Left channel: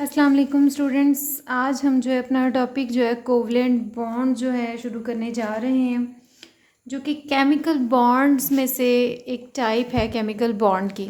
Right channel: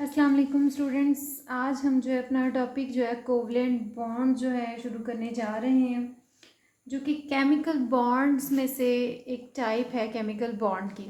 अस्सलाम वालेकुम स्टूडेंट्स। आज हम जो है अपना टॉपिक जो है कोवलेंट बॉन्ड जो है शुरू करने जा रहे हैं, जो कि केमिकल बॉन्ड्स में से एक टाइप है केमिकल बॉन्ड की।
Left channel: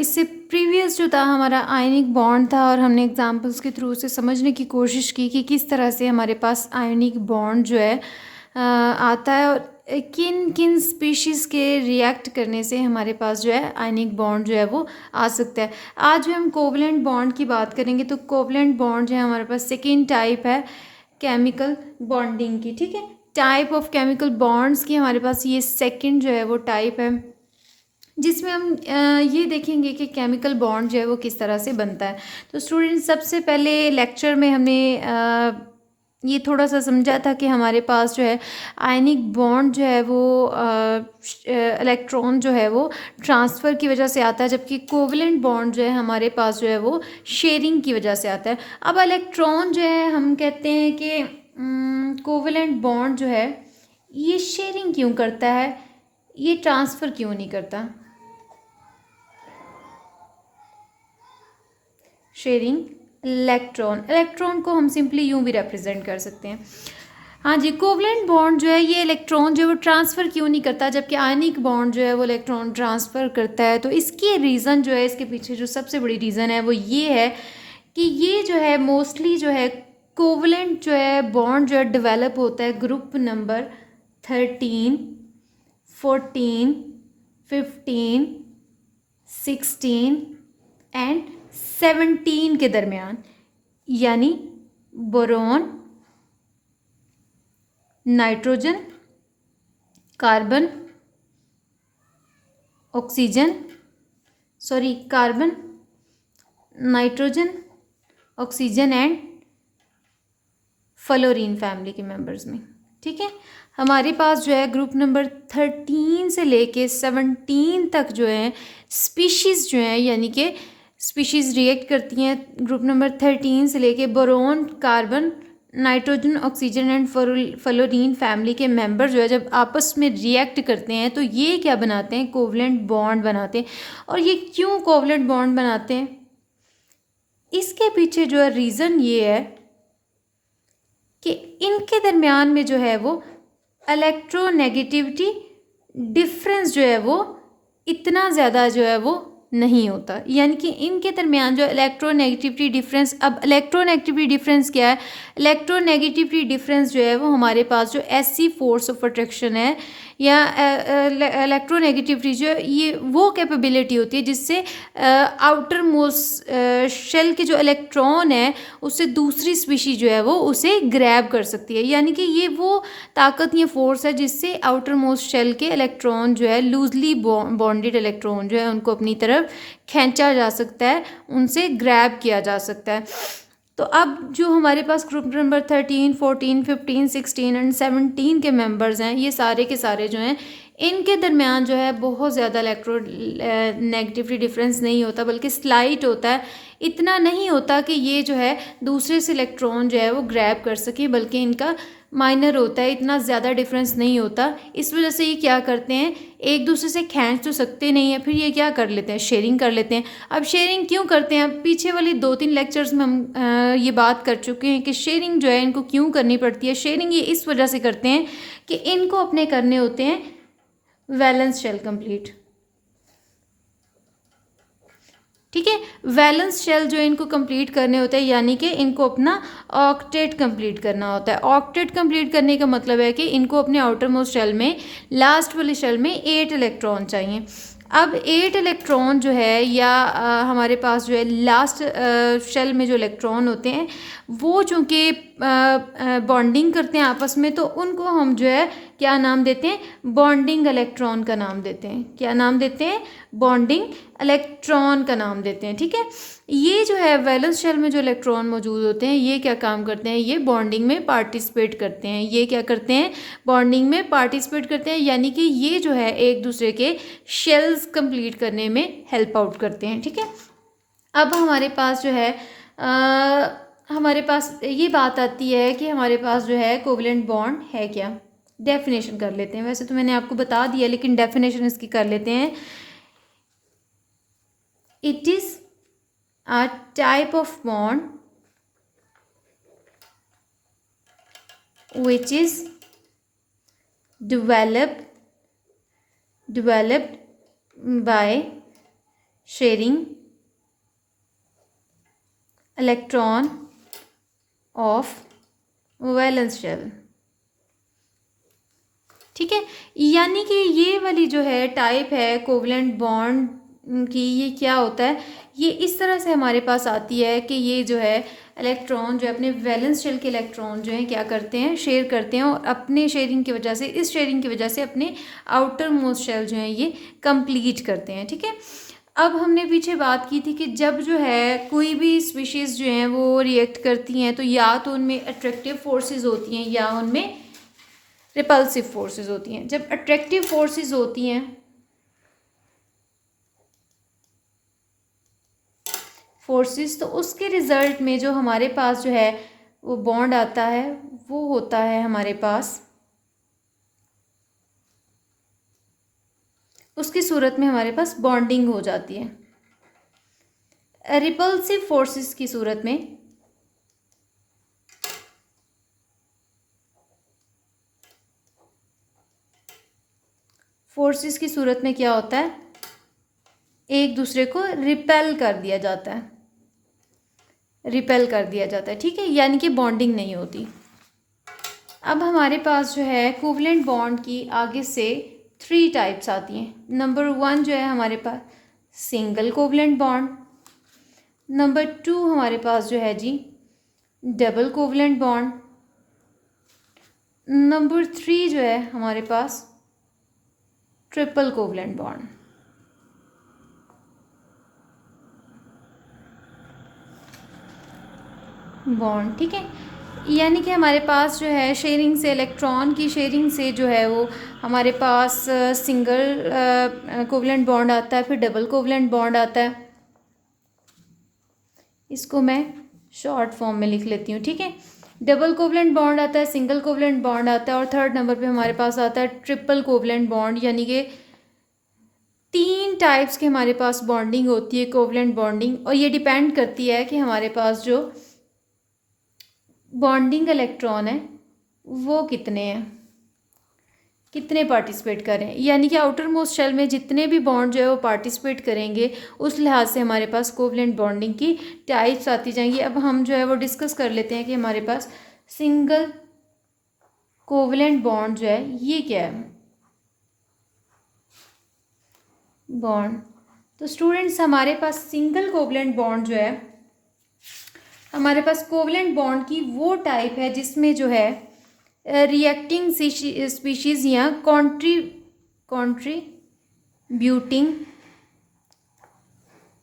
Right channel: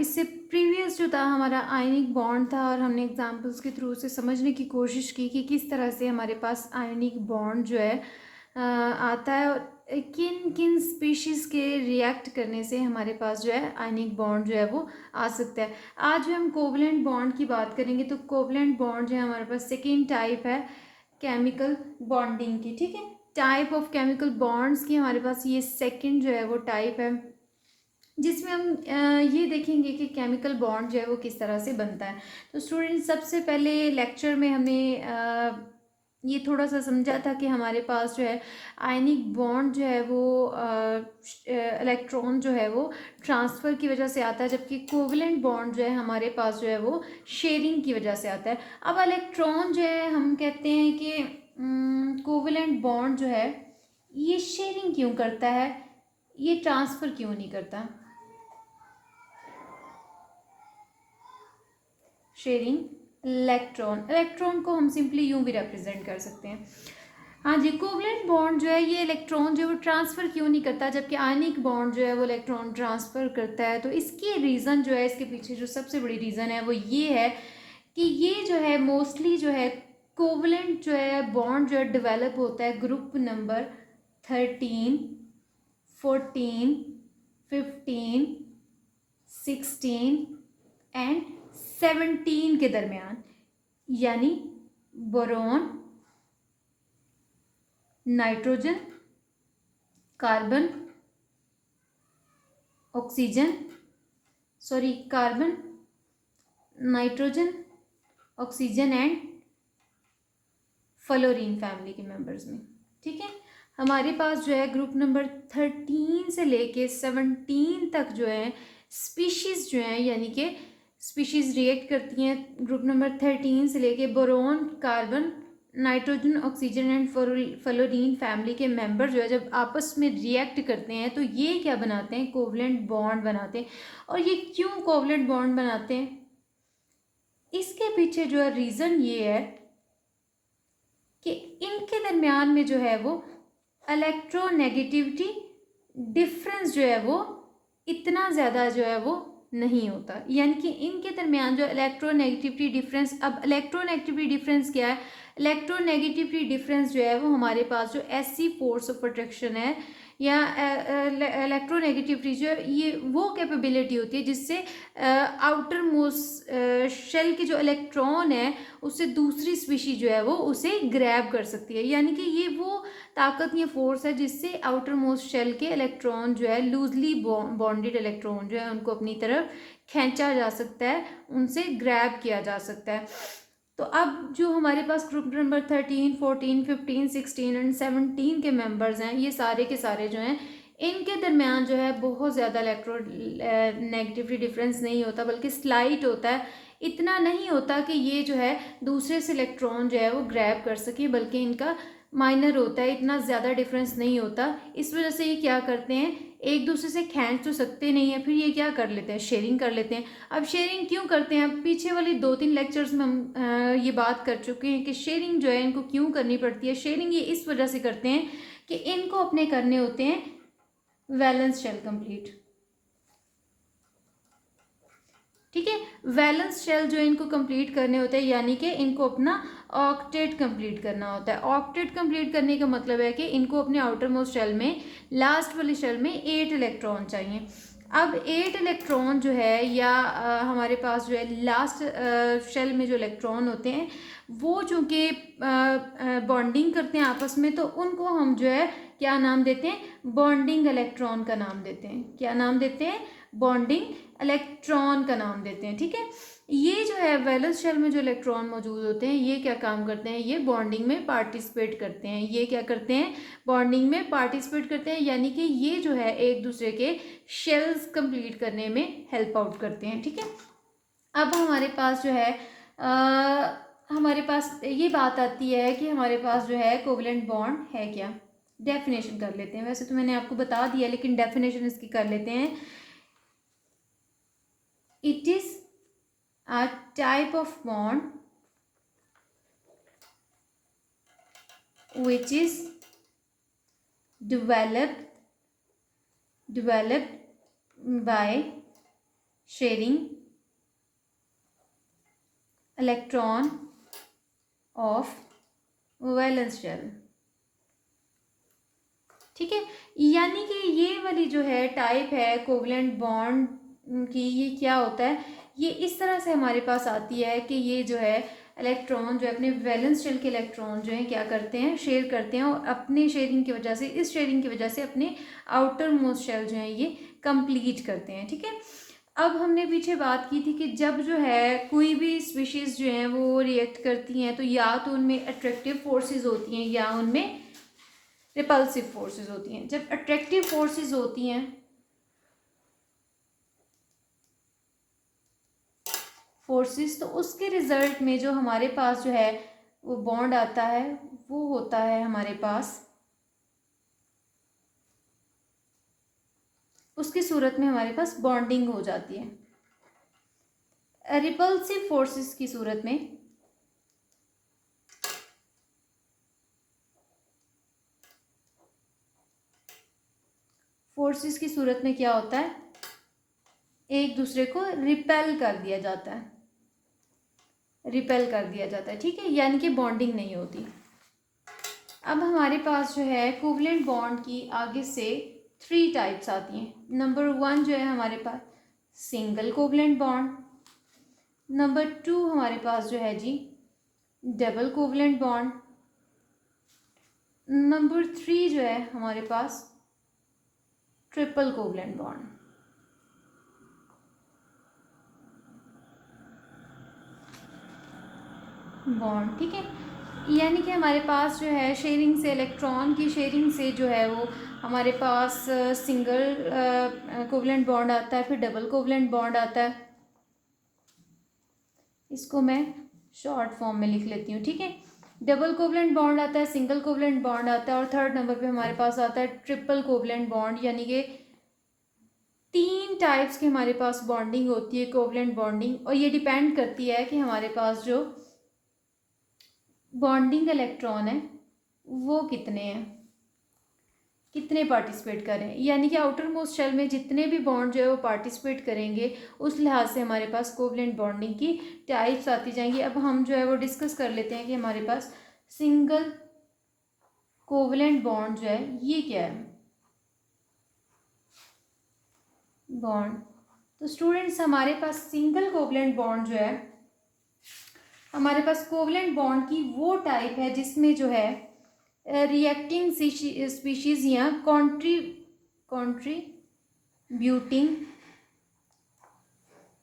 इससे प्रीवियस जो था हमारा आयनिक बॉन्ड था और हमने एग्जांपल्स के थ्रू से समझने की कोशिश की कि किस तरह से हमारे पास आयनिक बॉन्ड जो है आता है और किन किन स्पीशीज़ के रिएक्ट करने से हमारे पास जो है आयनिक बॉन्ड जो है वो आ सकता है। आज हम कोवलेंट बॉन्ड की बात करेंगे, तो कोवलेंट बॉन्ड जो है हमारे पास सेकेंड टाइप है केमिकल बॉन्डिंग की। ठीक है, टाइप ऑफ केमिकल बॉन्ड्स की हमारे पास ये सेकेंड जो है वो टाइप है, जिसमें हम ये देखेंगे कि केमिकल बॉन्ड जो है वो किस तरह से बनता है। तो स्टूडेंट, सबसे पहले लेक्चर में हमने ये थोड़ा सा समझा था कि हमारे पास जो है आयनिक बॉन्ड जो है वो इलेक्ट्रॉन जो है वो ट्रांसफ़र की वजह से आता है, जबकि कोवलेंट बॉन्ड जो है हमारे पास जो है वो शेयरिंग की वजह से आता है। अब इलेक्ट्रॉन जो है हम कहते हैं कि कोवलेंट बॉन्ड जो है ये शेयरिंग क्यों करता है, ये ट्रांसफ़र क्यों नहीं करता। शेयरिंग इलेक्ट्रॉन को हम सिंपली यूं भी रिप्रेजेंट कर सकते हैं। हाँ जी, कोवलेंट बॉन्ड जो है ये इलेक्ट्रॉन जो है वो ट्रांसफ़र क्यों नहीं करता, जबकि आयनिक बॉन्ड जो है वो इलेक्ट्रॉन ट्रांसफ़र करता है। तो इसकी रीज़न जो है, इसके पीछे जो सबसे बड़ी रीज़न है वो ये है कि ये जो है मोस्टली जो है कोवलेंट जो है बॉन्ड जो है डेवलप होता है ग्रुप नंबर 13, 14, 15, 16 एंड 17 के दरमियान, यानी boron, nitrogen, carbon, carbon, nitrogen, oxygen and fluorine family के मेंबर्स में। ठीक है, हमारे पास जो है ग्रुप नंबर 13 से लेके 17 तक जो है स्पीशीज़ जो हैं, यानी कि स्पीशीज़ रिएक्ट करती हैं ग्रुप नंबर 13 से लेके boron, carbon, nitrogen, oxygen and fluorine family के मेंबर जो है जब आपस में रिएक्ट करते हैं तो ये क्या बनाते हैं, कोवलेंट बॉन्ड बनाते हैं। और ये क्यों कोवलेंट बॉन्ड बनाते हैं, इसके पीछे जो है रीज़न ये है कि इनके दरमियान में जो है वो इलेक्ट्रोनेगेटिविटी डिफरेंस जो है वो इतना ज़्यादा जो है वो नहीं होता, यानी कि इनके दरमियान जो इलेक्ट्रोनेगेटिविटी डिफरेंस, अब इलेक्ट्रोनेगेटिविटी डिफरेंस क्या है, इलेक्ट्रोनेगेटिविटी डिफरेंस जो है वो हमारे पास जो ऐसी फोर्स ऑफ अट्रैक्शन है या इलेक्ट्रोनेगेटिविटी जो है ये वो कैपेबिलिटी होती है जिससे आउटर मोस्ट शेल के जो इलेक्ट्रॉन है उससे दूसरी स्पीशी जो है वो उसे ग्रैब कर सकती है, यानी कि ये वो ताकत, ये फोर्स है जिससे आउटर मोस्ट शेल के इलेक्ट्रॉन जो है लूजली बॉन्डेड इलेक्ट्रॉन जो है उनको अपनी तरफ खींचा जा सकता है, उनसे ग्रैब किया जा सकता है। तो अब जो हमारे पास ग्रुप नंबर 13, 14, 15, 16 एंड 17 के मेंबर्स हैं, ये सारे के सारे जो हैं इनके दरमियान जो है बहुत ज़्यादा इलेक्ट्रो नेगेटिविटी डिफरेंस नहीं होता, बल्कि स्लाइट होता है। इतना नहीं होता कि ये जो है दूसरे से इलेक्ट्रॉन जो है वो ग्रैब कर सके, बल्कि इनका माइनर होता है, इतना ज़्यादा डिफरेंस नहीं होता। इस वजह से ये क्या करते हैं, एक दूसरे से खींच तो सकते नहीं है, फिर ये क्या कर लेते हैं, शेयरिंग कर लेते हैं। अब शेयरिंग क्यों करते हैं, पीछे वाली 2-3 लेक्चर्स में हम ये बात कर चुके हैं कि शेयरिंग जो है इनको क्यों करनी पड़ती है। शेयरिंग ये इस वजह से करते हैं कि इनको अपने करने होते हैं वैलेंस शेल कंप्लीट। ठीक है, वैलेंस शेल जो इनको कंप्लीट करने होते हैं, यानी कि इनको अपना ऑक्टेट कंप्लीट करना होता है। ऑक्टेट कंप्लीट करने का मतलब है कि इनको अपने आउटर मोस्ट शेल में, लास्ट वाले शेल में 8 इलेक्ट्रॉन चाहिए। अब 8 इलेक्ट्रॉन जो है या हमारे पास जो है लास्ट शेल में जो इलेक्ट्रॉन होते हैं वो चूँकि बॉन्डिंग करते हैं आपस में, तो उनको हम जो है क्या नाम देते हैं, बॉन्डिंग इलेक्ट्रॉन का नाम देते हैं। क्या नाम देते हैं, बॉन्डिंग इलेक्ट्रॉन का नाम देते हैं। ठीक है, ये जो है वैलेंस शेल में जो इलेक्ट्रॉन मौजूद होते हैं ये क्या काम करते हैं, ये बॉन्डिंग में पार्टिसिपेट करते हैं। ये क्या करते हैं, बॉन्डिंग में पार्टिसिपेट करते हैं, यानी कि ये जो है एक दूसरे के शेल्स कंप्लीट करने में हेल्प आउट करते हैं। ठीक है, अब हमारे पास जो है हमारे पास ये बात आती है कि हमारे पास जो है कोवलेंट बॉन्ड है क्या। डेफिनेशन कर लेते हैं, वैसे तो मैंने आपको बता दिया लेकिन डेफिनेशन इसकी कर लेते हैं। It is a type of bond which is developed by sharing electron of valence shell. ठीक है, यानी कि ये वाली जो है टाइप है कोवलेंट बॉन्ड की, ये क्या होता है, ये इस तरह से हमारे पास आती है कि ये जो है इलेक्ट्रॉन जो है अपने वैलेंस शेल के इलेक्ट्रॉन जो है क्या करते हैं, शेयर करते हैं, और अपने शेयरिंग की वजह से, इस शेयरिंग की वजह से अपने आउटर मोस्ट शेल जो है ये कंप्लीट करते हैं। ठीक है, अब हमने पीछे बात की थी कि जब जो है कोई भी स्पीशीज़ जो हैं वो रिएक्ट करती हैं तो या तो उनमें अट्रैक्टिव फोर्सेस होती हैं या उनमें रिपल्सिव फोर्सेस होती हैं। जब अट्रैक्टिव फोर्सेस होती हैं तो उसके रिजल्ट में जो हमारे पास जो है वो बॉन्ड आता है वो होता है हमारे पास, उसकी सूरत में हमारे पास बॉन्डिंग हो जाती है। रिपल्सिव फोर्सेस की सूरत में क्या होता है, एक दूसरे को रिपेल कर दिया जाता है, ठीक है, यानी कि बॉन्डिंग नहीं होती। अब हमारे पास जो है कोवलेंट बॉन्ड की आगे से 3 टाइप्स आती हैं। नंबर 1 जो है हमारे पास सिंगल कोवलेंट बॉन्ड, नंबर 2 हमारे पास जो है जी डबल कोवलेंट बॉन्ड, नंबर 3 जो है हमारे पास ट्रिपल कोवलेंट बॉन्ड। ठीक है, यानी कि हमारे पास जो है शेयरिंग से, इलेक्ट्रॉन की शेयरिंग से जो है वो हमारे पास सिंगल कोवलेंट बॉन्ड आता है, फिर डबल कोवलेंट बॉन्ड आता है। इसको मैं शॉर्ट फॉर्म में लिख लेती हूँ। ठीक है, डबल कोवलेंट बॉन्ड आता है, सिंगल कोवलेंट बॉन्ड आता है, और थर्ड नंबर पे हमारे पास आता है ट्रिपल कोवलेंट बॉन्ड, यानी कि 3 टाइप्स की हमारे पास बॉन्डिंग होती है, कोवलेंट बॉन्डिंग। और ये डिपेंड करती है कि हमारे पास जो बॉन्डिंग इलेक्ट्रॉन है वो कितने पार्टिसिपेट करें, यानी कि आउटर मोस्ट शेल में जितने भी बॉन्ड जो है वो पार्टिसिपेट करेंगे उस लिहाज से हमारे पास कोवलेंट बॉन्डिंग की टाइप्स आती जाएंगी। अब हम जो है वो डिस्कस कर लेते हैं कि हमारे पास सिंगल कोवलेंट बॉन्ड जो है ये क्या है बॉन्ड। तो स्टूडेंट्स हमारे पास सिंगल कोवलेंट बॉन्ड जो है, हमारे पास कोवलेंट बॉन्ड की वो टाइप है जिसमें जो है रिएक्टिंग स्पीशीज या contributing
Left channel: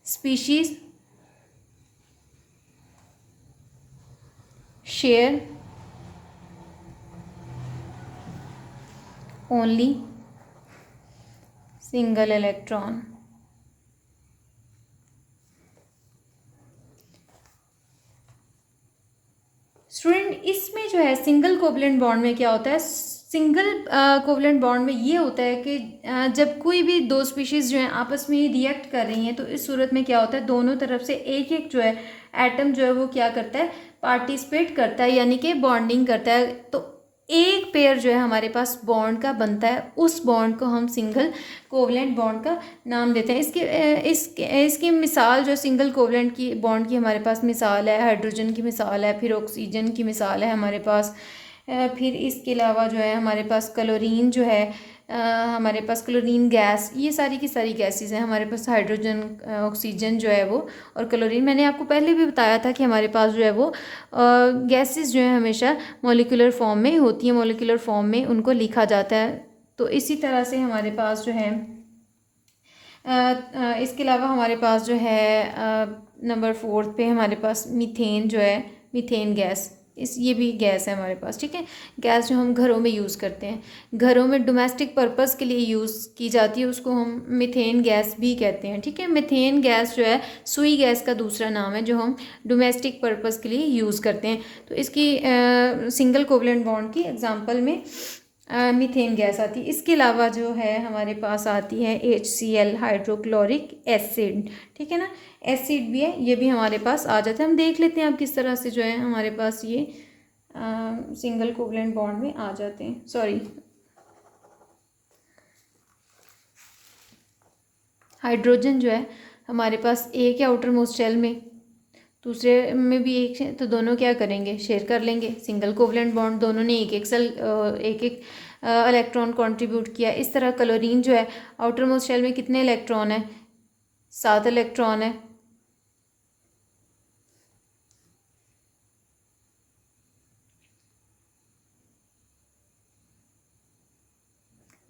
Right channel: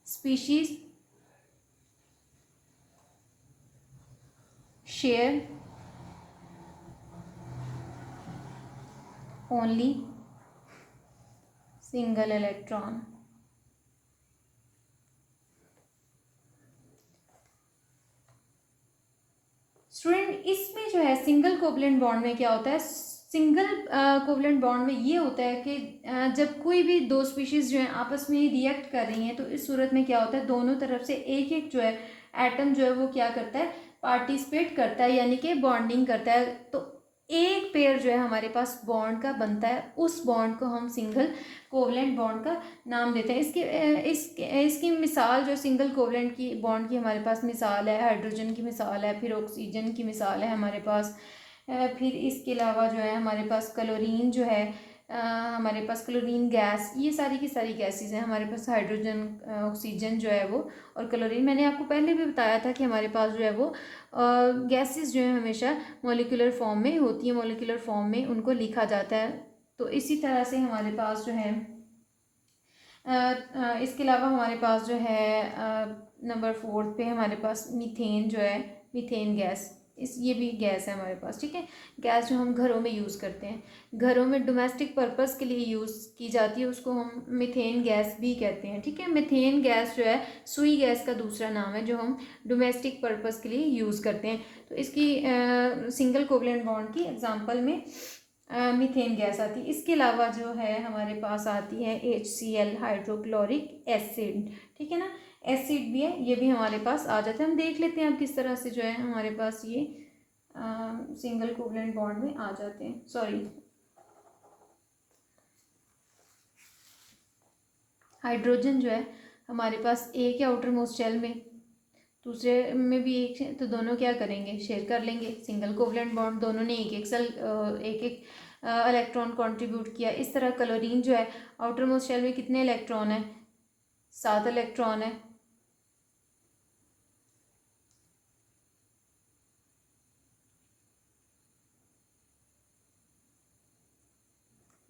species share only single electron. Student इसमें जो है सिंगल कोवलेंट बॉन्ड में क्या होता है, सिंगल कोवलेंट बॉन्ड में ये होता है कि जब कोई भी 2 स्पीशीज़ जो हैं आपस में रिएक्ट कर रही हैं तो इस सूरत में क्या होता है, दोनों तरफ से एक एक जो है एटम जो है वो क्या करता है, पार्टिसिपेट करता है, यानी कि बॉन्डिंग करता है। तो एक पेयर जो है हमारे पास बॉन्ड का बनता है, उस बॉन्ड को हम सिंगल कोवलेंट बॉन्ड का नाम देते हैं। इसकी मिसाल जो सिंगल कोवलेंट की बॉन्ड की हमारे पास मिसाल है, हाइड्रोजन की मिसाल है, फिर ऑक्सीजन की मिसाल है हमारे पास, फिर इसके अलावा जो है हमारे पास क्लोरीन जो है, हमारे पास क्लोरीन गैस, ये सारी की सारी गैसेस हैं हमारे पास, हाइड्रोजन, ऑक्सीजन जो है वो, और क्लोरीन। मैंने आपको पहले भी बताया था कि हमारे पास जो है वो गैसेस जो है हमेशा मॉलिक्यूलर फॉर्म में होती हैं, मॉलिक्यूलर फॉर्म में उनको लिखा जाता है। तो इसी तरह से हमारे पास जो है इसके अलावा हमारे पास जो है नंबर 4 पे हमारे पास मीथेन जो है, मीथेन गैस, ये भी गैस है हमारे पास। ठीक है, गैस जो हम घरों में यूज़ करते हैं, घरों में डोमेस्टिक पर्पस के लिए यूज़ की जाती है, उसको हम मीथेन गैस भी कहते हैं। ठीक है, मीथेन गैस जो है सुई गैस का दूसरा नाम है जो हम डोमेस्टिक पर्पस के लिए यूज़ करते हैं। तो इसकी सिंगल कोवलेंट बॉन्ड की एग्जांपल में मीथेन गैस आती है। इसके अलावा जो है हमारे पास आती है HCl, हाइड्रोक्लोरिक एसिड। ठीक है ना, एसिड भी है, ये भी हमारे पास आ जाता है। हम देख लेते हैं अब किस तरह से जो है हमारे पास ये सिंगल कोवलेंट बॉन्ड में आ जाते हैं। सॉरी, हाइड्रोजन जो है हमारे पास एक है आउटर मोस्ट शेल में, दूसरे में भी एक है, तो दोनों क्या करेंगे, शेयर कर लेंगे। सिंगल कोवलेंट बॉन्ड, दोनों ने एक एक सेल एक एक इलेक्ट्रॉन कंट्रीब्यूट किया। इस तरह क्लोरीन जो है आउटर मोस्ट शेल में कितने इलेक्ट्रॉन है, 7 इलेक्ट्रॉन है।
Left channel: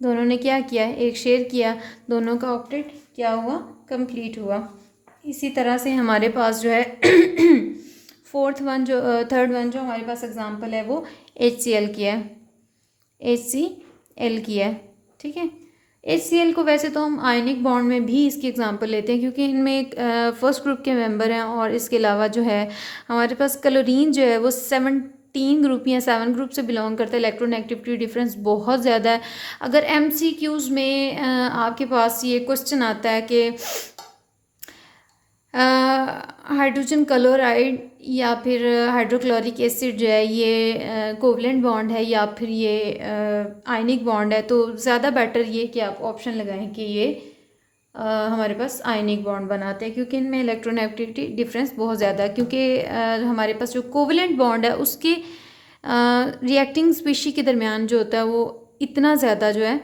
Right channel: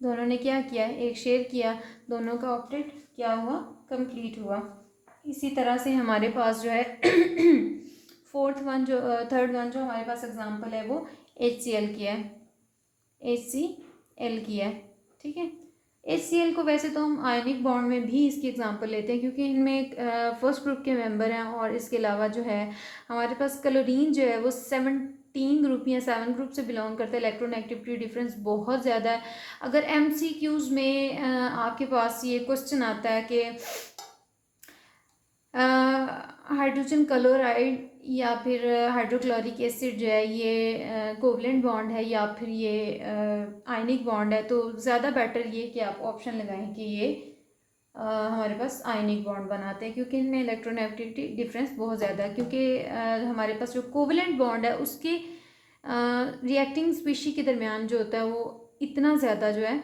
दोनों ने क्या किया है, एक शेयर किया, दोनों का ऑक्टेट क्या हुआ, कंप्लीट हुआ। इसी तरह से हमारे पास जो है थर्ड वन जो हमारे पास एग्जांपल है वो HCl की है, HCl की है। ठीक है, HCl को वैसे तो हम आयनिक बॉन्ड में भी इसकी एग्जांपल लेते हैं क्योंकि इनमें एक फर्स्ट ग्रुप के मेंबर हैं, और इसके अलावा जो है हमारे पास क्लोरीन जो है वो 17 ग्रुप या 7 ग्रुप से बिलोंग करता है। इलेक्ट्रोनेगेटिविटी डिफरेंस बहुत ज़्यादा है। अगर MCQs में आपके पास ये क्वेश्चन आता है कि हाइड्रोजन क्लोराइड या फिर हाइड्रोक्लोरिक एसिड जो है ये कोवलेंट बॉन्ड है या फिर ये आयनिक बॉन्ड है, तो ज़्यादा बेटर ये कि आप ऑप्शन लगाएं कि ये हमारे पास आयनिक बॉन्ड बनाते हैं क्योंकि इनमें इलेक्ट्रोनेगेटिविटी डिफरेंस बहुत ज़्यादा है। क्योंकि हमारे पास जो कोवलेंट बॉन्ड है उसके रिएक्टिंग स्पीशी के दरमियान जो होता है वो इतना ज़्यादा जो है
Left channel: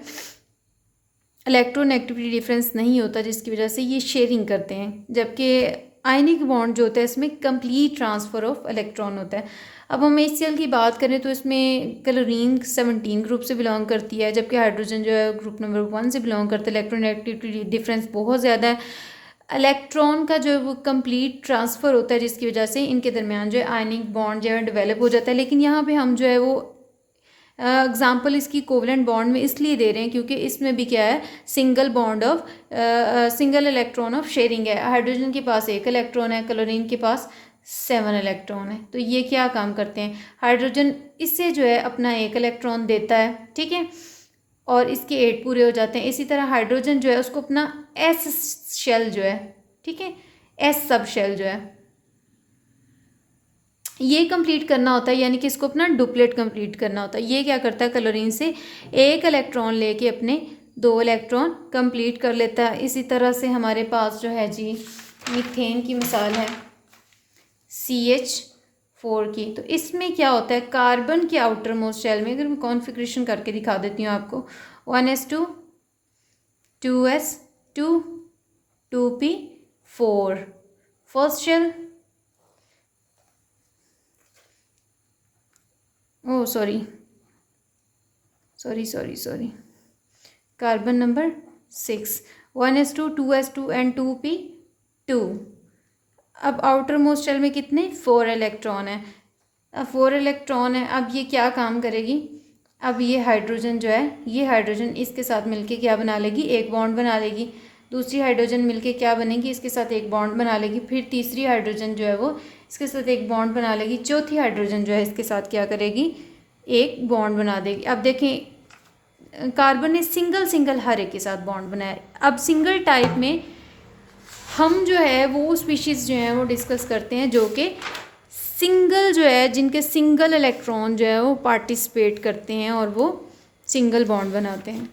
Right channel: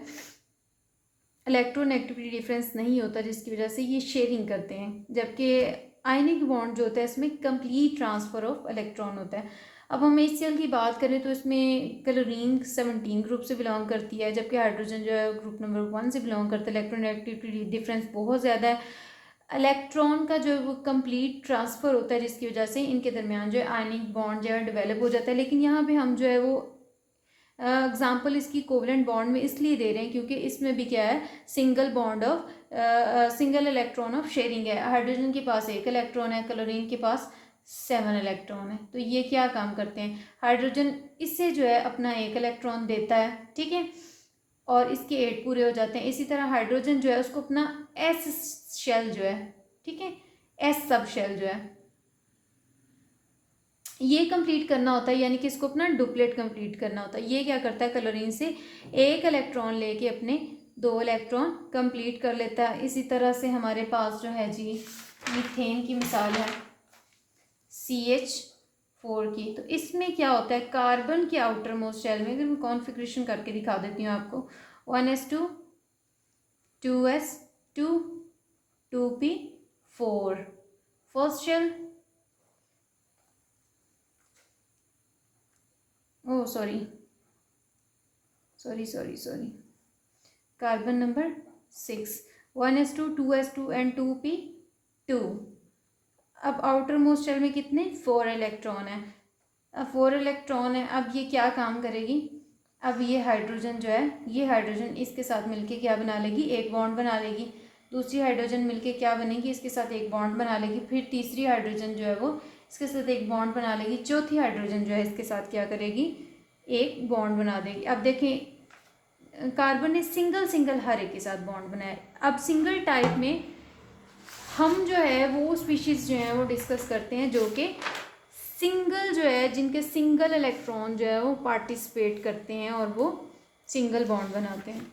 इलेक्ट्रोनेगेटिविटी डिफरेंस नहीं होता, जिसकी वजह से ये शेयरिंग करते हैं। जबकि आयनिक बॉन्ड जो होता है इसमें कंप्लीट ट्रांसफ़र ऑफ इलेक्ट्रॉन होता है। अब हम HCl की बात करें तो इसमें क्लोरीन 17 ग्रुप से बिलोंग करती है, जबकि हाइड्रोजन जो है ग्रुप नंबर 1 से बिलोंग करता है। इलेक्ट्रोनेगेटिविटी डिफरेंस बहुत ज़्यादा है, इलेक्ट्रॉन का जो है वो कंप्लीट ट्रांसफ़र होता है, जिसकी वजह से इनके दरमियान जो है आयनिक बॉन्ड जो है डेवलप हो जाता है। लेकिन यहाँ पे हम जो है वो एग्जाम्पल इसकी कोवलेंट बॉन्ड में इसलिए दे रहे हैं क्योंकि इसमें भी क्या है, single bond of single electron of sharing है। हाइड्रोजन के पास 1 इलेक्ट्रॉन है, क्लोरीन के पास 7 इलेक्ट्रॉन है। तो ये क्या काम करते हैं, हाइड्रोजन इससे जो है अपना 1 इलेक्ट्रॉन देता है, ठीक है, और इसके 8 पूरे हो जाते हैं। इसी तरह हाइड्रोजन जो है उसको अपना S शेल जो है, ठीक है, S सब शेल जो है ये कंप्लीट करना होता है, यानी कि इसको अपना डुप्लेट कंप्लीट करना होता है। ये क्या करता है, क्लोरीन से 1 इलेक्ट्रॉन लेके अपने 2 इलेक्ट्रॉन कंप्लीट कर लेता है। इसी तरह से हमारे पास जो है जी मीथेन की मिसाल है CH4 की। तो इसमें क्या होता है, कार्बन के आउटर मोस्ट शेल में, अगर मैं कॉन्फ़िगरेशन करके दिखा देती हूँ आपको, 1s2 2s2 2p4 first shell, oh sorry carbon number 6 1s2 2s2 and 2p2। अब आउटर मोस्ट शेल में कितने, 4 इलेक्ट्रॉन है। अब 4 इलेक्ट्रॉन है, अब ये क्या काम करेगी, अब ये हाइड्रोजन जो है, ये हाइड्रोजन इसके साथ मिलके क्या बना लेगी, एक बॉन्ड बना लेगी। दूसरी हाइड्रोजन मिलके क्या बनेगी, इसके साथ एक बॉन्ड बना लेगी। फिर तीसरी हाइड्रोजन जो है वो इसके साथ एक बॉन्ड बना लेगी। चौथी हाइड्रोजन जो है इसके साथ क्या करेगी, एक बॉन्ड बना देगी। अब देखें कार्बन ने सिंगल हर एक के साथ बॉन्ड बनाया। अब सिंगल टाइप में हम जो है वो स्पीशीज़ जो है वो डिस्कस करते हैं जो कि सिंगल जो है, जिनके सिंगल इलेक्ट्रॉन जो है वो पार्टिसिपेट करते हैं और वो सिंगल बॉन्ड बनाते हैं।